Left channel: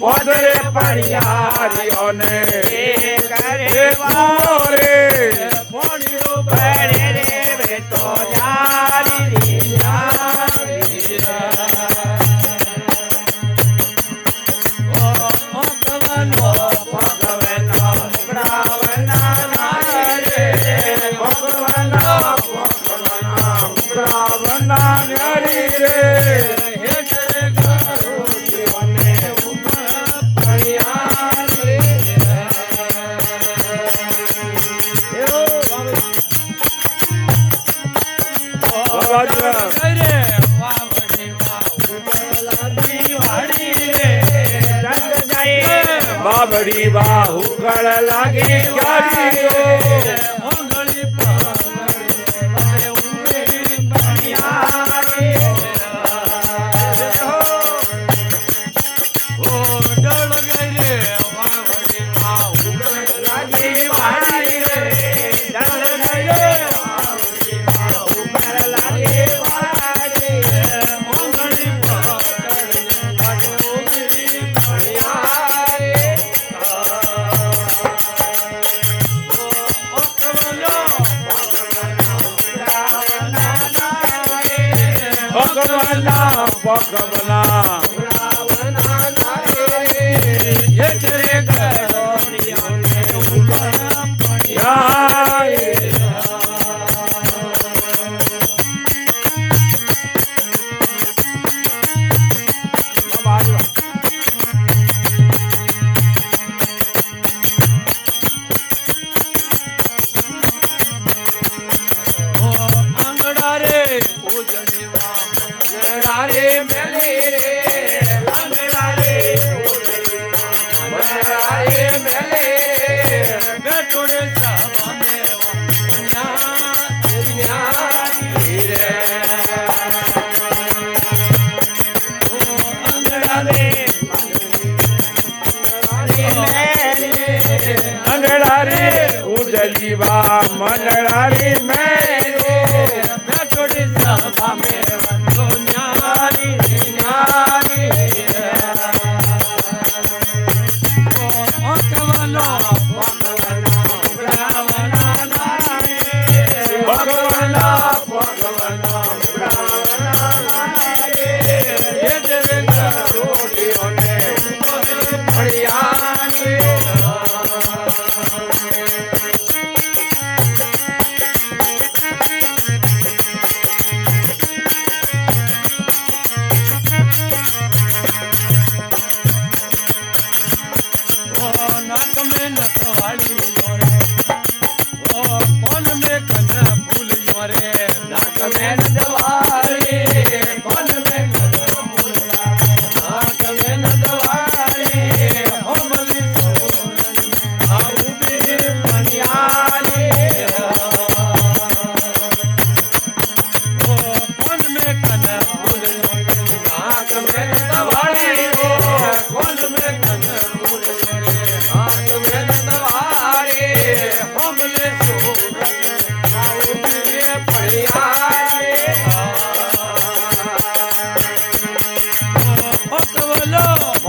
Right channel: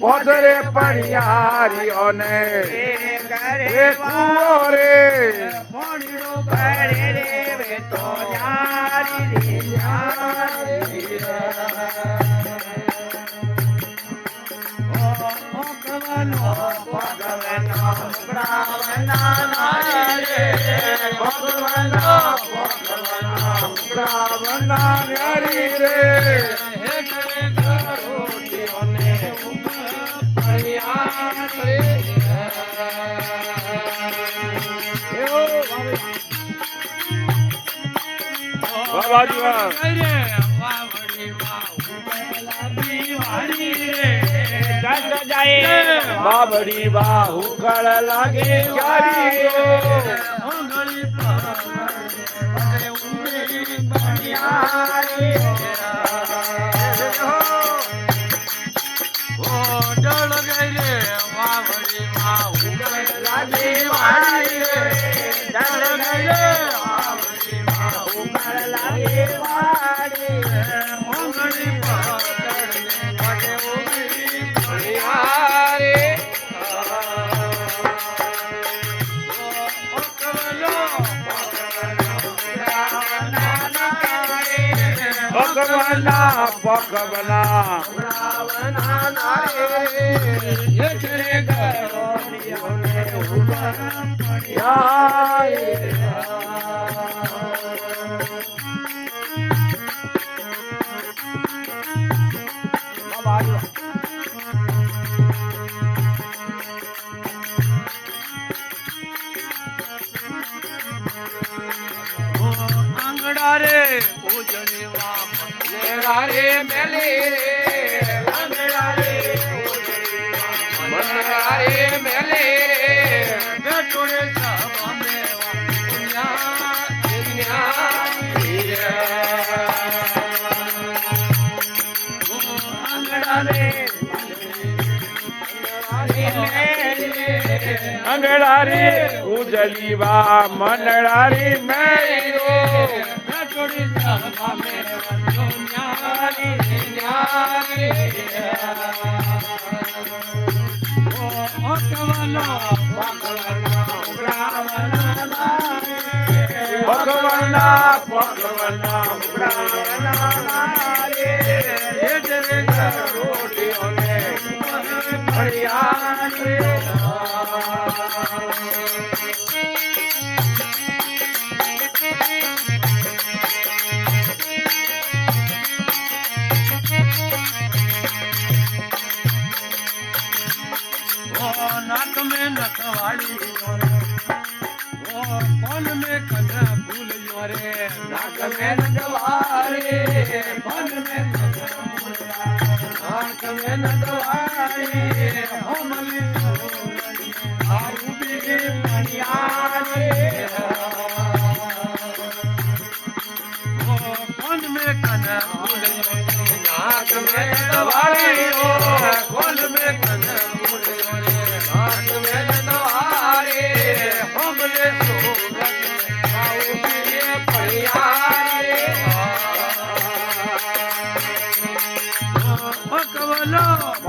પોધરે પણિયારીઓ ને કરે કુવો રે પોણીઓ ભરે રે તો યારી યારી ઓ ભગવાનો બ્રાહ્મણા રે ભગવાનો બ્રાહ્મણા રે બાબડી બાહુ ગળ લાગે ભગવાના ભગવાના આંગડા રે ઉજળી રે મેલી રે આંગડા રે મેલી બેટોડે સભા મેવા પુણ્યા આંગડા રે ઉજળી વા મંડળા રે મેલો બેટોડે સભા મેવા नाक में नकवाड़ी योरे ओ कौन में कन्या फूल योरे नाक में नकवाड़ी कौन में कन्या फूल नाक में नकवाड़ी ओ मली आऊ भी पनियारे ओ कौन में कन्या फूल नाक में नकवाड़ी कौन में कन्या फूल Hello.